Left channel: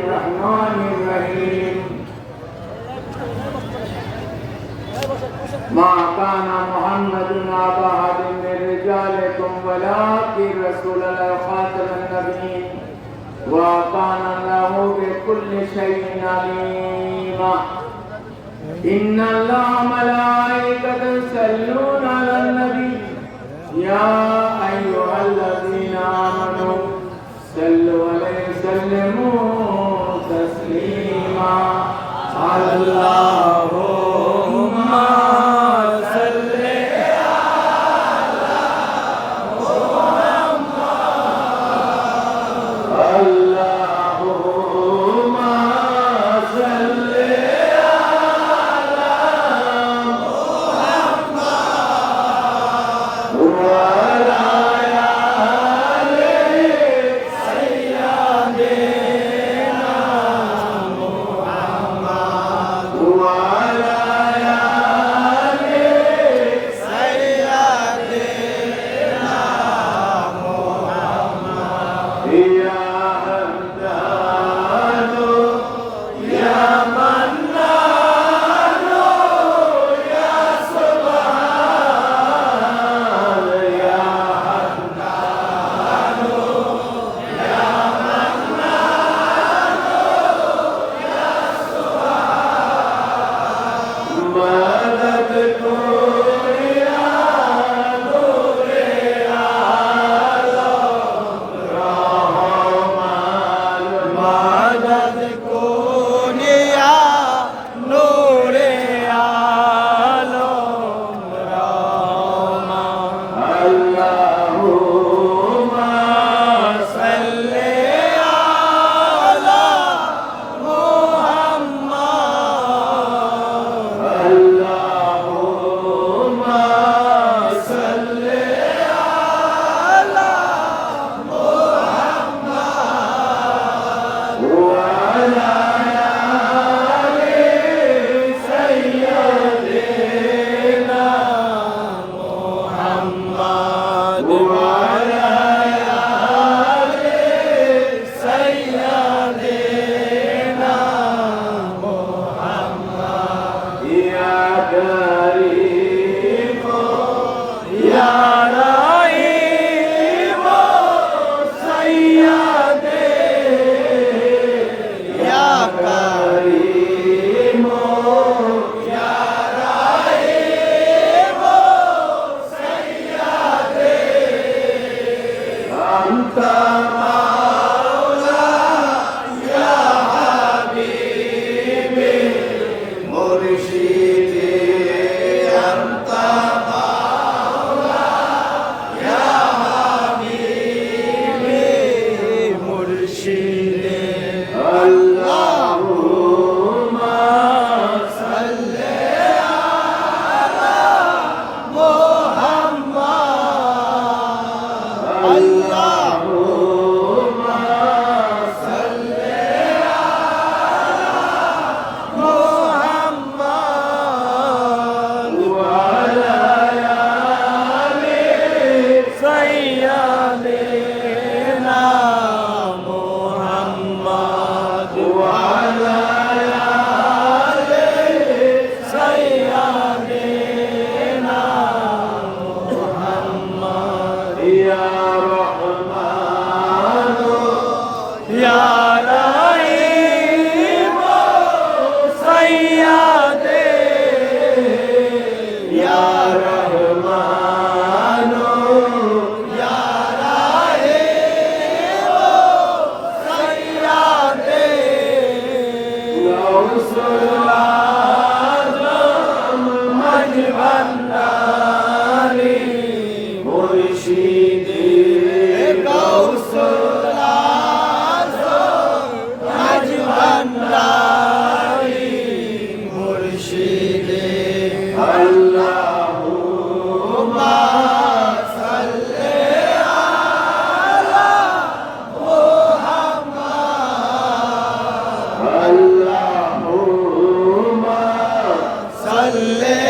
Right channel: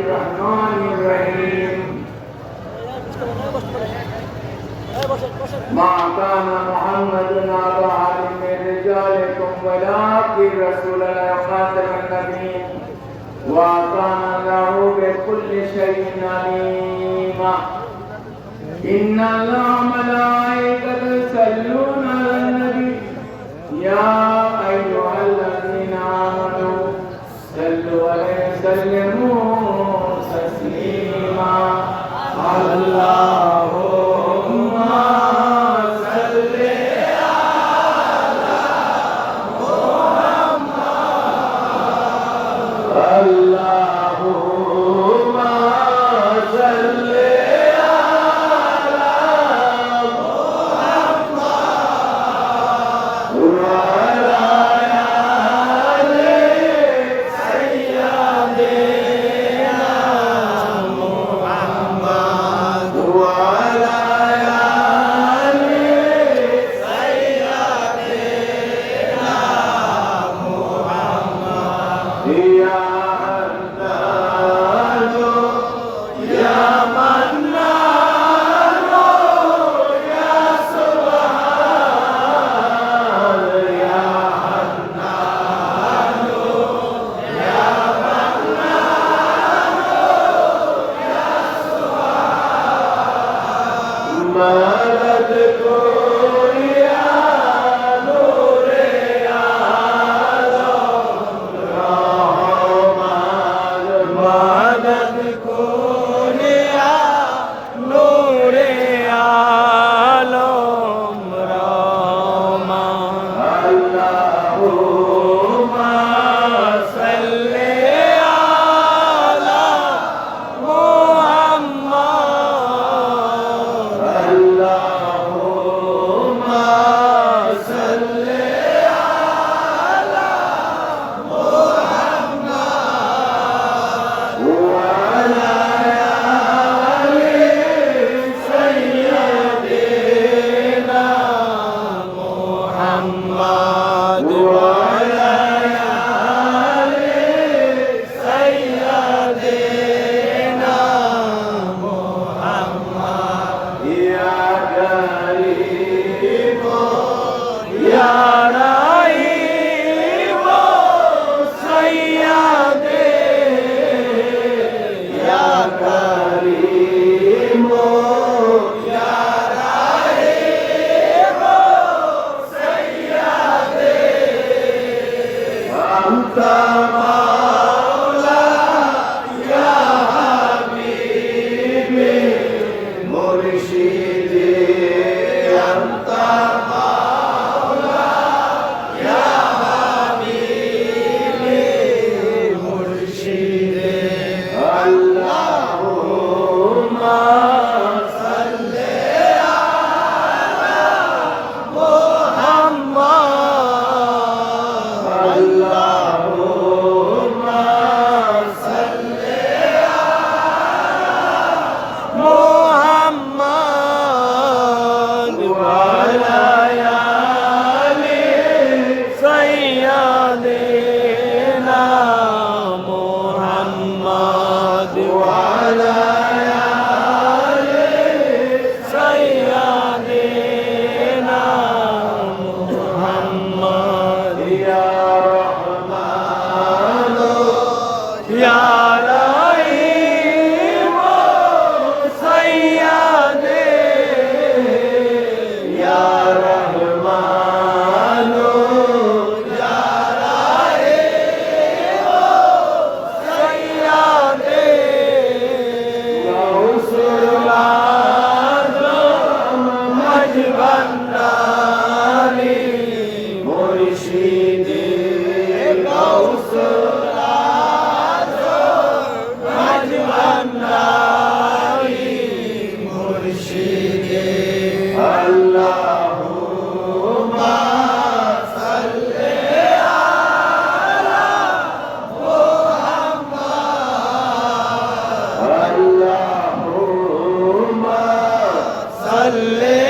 الرحمن الرحيم ما كان محمد أبا أحد من رجالكم ولكن رسول الله خاتم النبيين وكان له بكل شيء عليما إن الله ملائكته मदद को रो सैयादे या गारिओ प्यारे yara صلي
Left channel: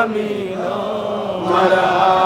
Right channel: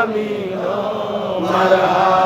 I'm no Oh,